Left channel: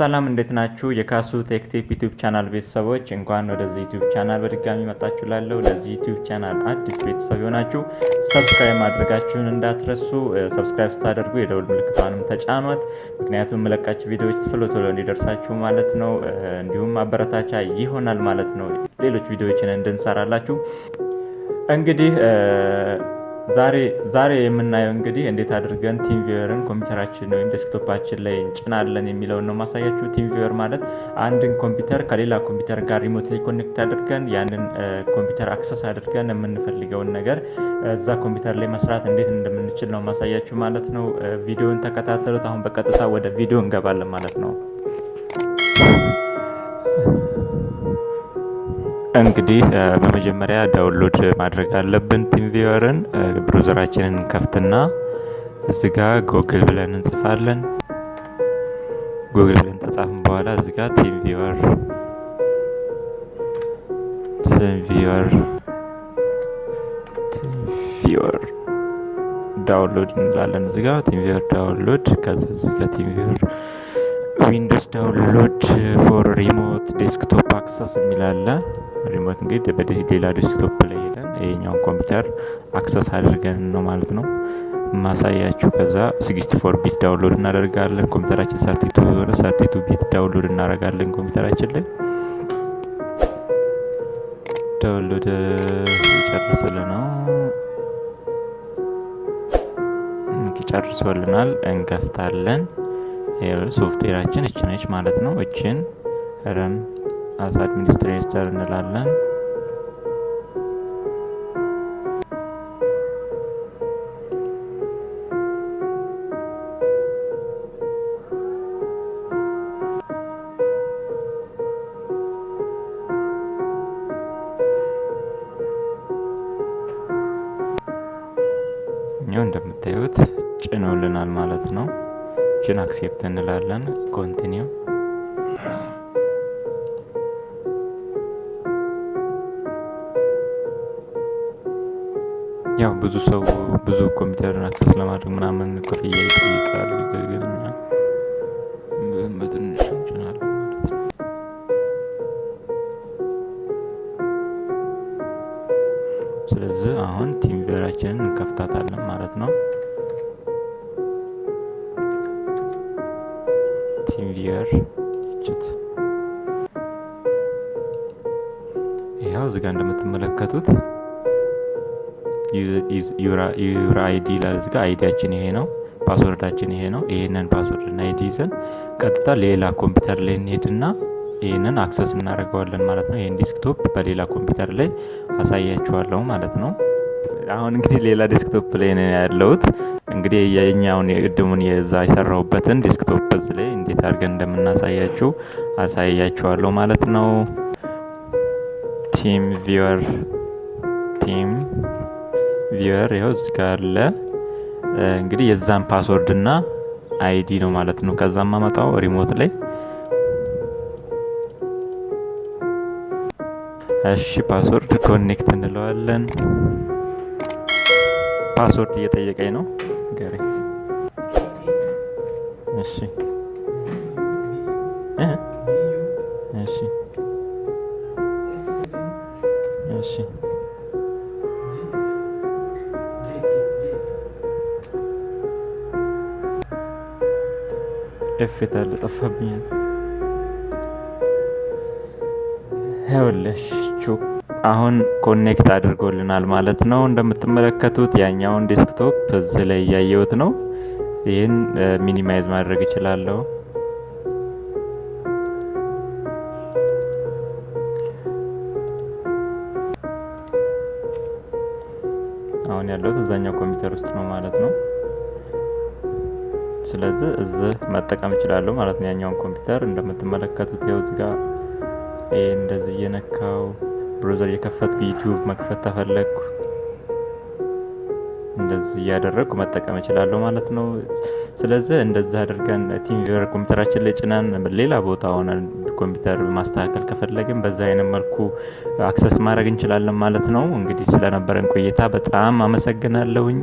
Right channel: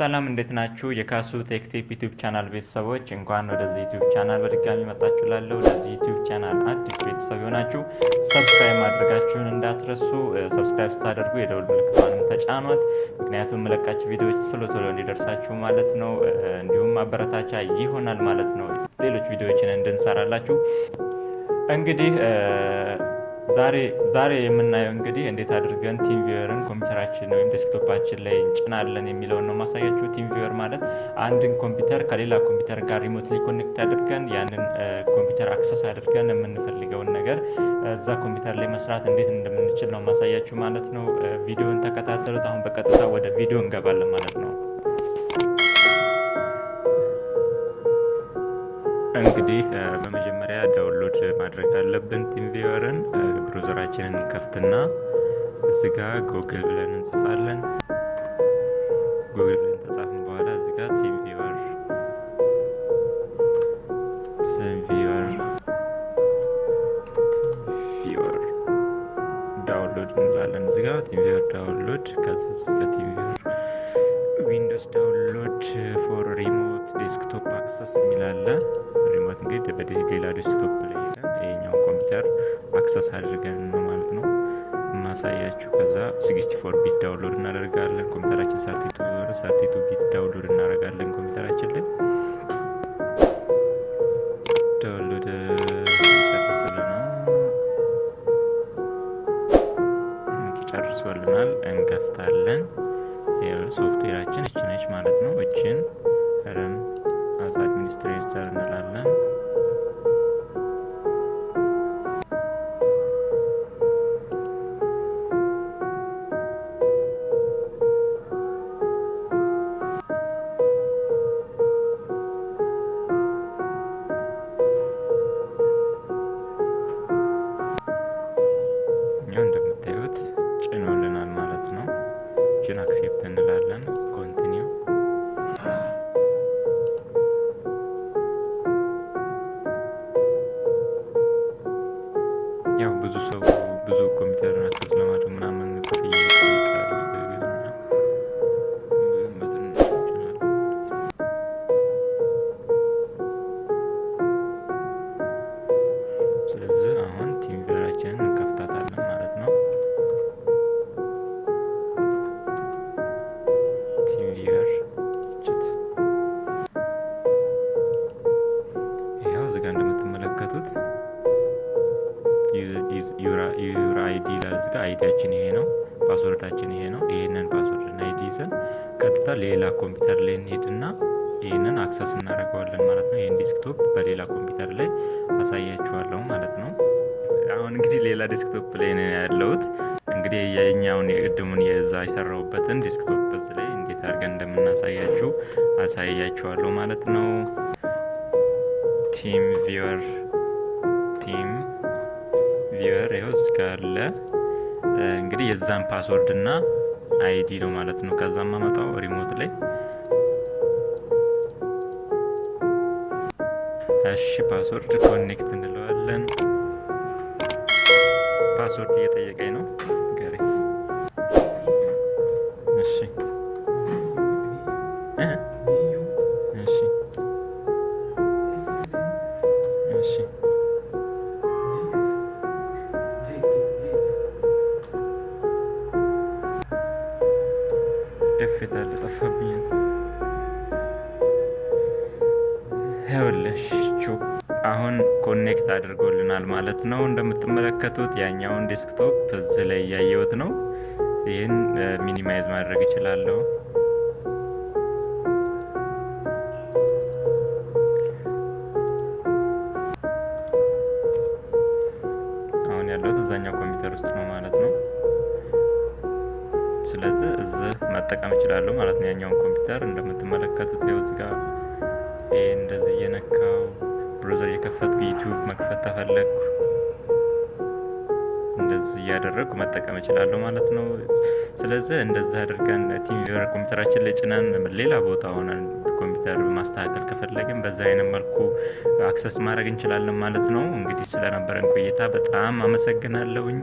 ሰላም እንዴት ናችሁ? የካሱ ቴክቲፕ ዩቲዩብ ቻናል ቤተሰቦች እንኳን ወደዚህ ዩቲዩብ ቻናል በድጋሚ መጣችሁ። ለዚህ ዩቲዩብ ቻናል አዲስ ቤተሰብ ሆናችሁ ሰብስክራይብ ማድረጋችሁን እንዳትረሱ። ሰብስክራይብ ስታደርጉ የደወል ምልክቱን ተጫኗት፣ ምክንያቱም መለቃችሁ ቪዲዮዎች ቶሎ እንዲደርሳችሁ ማለት ነው። እንዲሁም አበረታቻ ይሆናል ማለት ነው ሌሎች ቪዲዮዎችን እንድንሰራላችሁ። እንግዲህ ዛሬ የምናየው እንግዲህ እንዴት አድርገን ቲምቪወርን ኮምፒውተራችን ወይም ዴስክቶፓችን ላይ እንጭናለን የሚለውን ነው ማሳያችሁ። ቲምቪወር ማለት አንድን ኮምፒውተር ከሌላ ኮምፒውተር ጋር ሪሞትሊ ኮኔክት አድርገን ያንን ኮምፒውተር አክሰስ አድርገን የምንፈልገውን ነገር እዛ ኮምፒውተር ላይ መስራት እንዴት እንደምንችል ነው ማሳያችሁ ማለት ነው። ቪዲዮውን ተከታተሉት። አሁን በቀጥታ ወደ ቪዲዮ እንገባለን ማለት ነው። እንግዲህ በመጀመሪያ ዳውንሎድ ማድረግ አለብን ቲምቪወርን። ብራውዘራችንን ከፍትና እዚህ ጋር ጎግል ብለን እንጽፋለን። ጎግል ብለን ተጻፍን በኋላ እዚህ ጋር ቲምቪወር ዳውንሎድ እንላለን። እዚህ ጋር ቲምቪወር ዳውንሎድ፣ ከዛ እዚህ ጋር ቲምቪወር ዊንዶውስ ዳውንሎድ ፎር ሪሞት ዴስክቶፕ አክሰስ የሚላለ ሪሞት እንግዲህ በሌላ ዴስክቶፕ ላይ ሄደን ይሄኛውን ኮምፒውተር አክሰስ አድርገን ነው ማለት ነው ማሳያችሁ። ከዛ 64 ቢት ዳውንሎድ እናደርጋለን። ኮምፒውተራችን 32 ቢት ዳውንሎድ እናደርጋለን ኮምፒውተራችን ላይ። ዳውንሎድ ጨርሶልናል። እንከፍታለን። ሶፍትዌራችን እቺ ነች ማለት ነው። እቺን ረን አስ አድሚኒስትሬተር እንላለን። እኛው እንደምታዩት ጭኖልናል ማለት ነው። እቺን አክሴፕት እንላለን። ኮንቲኒው ያው ብዙ ኮምፒውተርን አክሰስ ለማድረግ ምናምን ክፍያ ይጠይቃል። በትንሹ እንጭናለን ማለት ነው። ስለዚህ አሁን ቲምቪወራችንን እንከፍታታለን ማለት ነው። ቲምቪወር እቺት ይሄው እዚህ ጋር እንደምትመለከቱት ዩር አይዲ ይላል። እዚህ ጋር አይዲያችን ይሄ ነው፣ ፓስወርዳችን ይሄ ነው። ይሄንን ፓስወርድ እና አይዲ ይዘን ቀጥታ ሌላ ኮምፒውተር ላይ እንሄድና ይሄንን አክሰስ እናደርገዋለን ማለት ነው። ይሄን ዴስክቶፕ በሌላ ኮምፒውተር ላይ አሳያችኋለሁ ማለት ነው። አሁን እንግዲህ ሌላ ዴስክቶፕ ላይ ነው ያለሁት። እንግዲህ የኛውን የቅድሙን የዛ የሰራሁበትን ዴስክቶፕ በዚህ ላይ እንዴት አድርገን እንደምናሳያችሁ አሳያችኋለሁ ማለት ነው። ቲምቪወር ይኸው እዚህ ጋር አለ። እንግዲህ የዛን ፓስወርድ እና አይዲ ነው ማለት ነው። ከዛም ማመጣው ሪሞት ላይ እሺ፣ ፓስወርድ ኮኔክት እንለዋለን። ፓስወርድ እየጠየቀኝ ነው ገሬ። እሺ ኤፍታል ጠፋብኝ። ይኸውላችሁ አሁን ኮኔክት አድርጎልናል ማለት ነው። እንደምትመለከቱት ያኛውን ዴስክቶፕ እዚህ ላይ እያየሁት ነው። ይህን ሚኒማይዝ ማድረግ እችላለሁ። አሁን ያለሁት እዛኛው ኮምፒውተር ውስጥ ነው ማለት ነው። ስለዚህ እዚህ መጠቀም እችላለሁ ማለት ነው። ያኛውን ኮምፒውተር እንደምትመለከቱት ይኸው እዚህ ጋር እንደዚህ እየነካው ብራውዘር እየከፈትኩ ዩቲዩብ መክፈት ተፈለግኩ እንደዚህ እያደረግኩ መጠቀም እችላለሁ ማለት ነው። ስለዚህ እንደዚህ አድርገን ቲምቪወር ኮምፒውተራችን ላይ ጭናን ሌላ ቦታ ሆነን ኮምፒውተር ማስተካከል ከፈለግን በዛ አይነት መልኩ አክሰስ ማድረግ እንችላለን ማለት ነው። እንግዲህ ስለነበረን ቆይታ በጣም አመሰግናለሁኝ።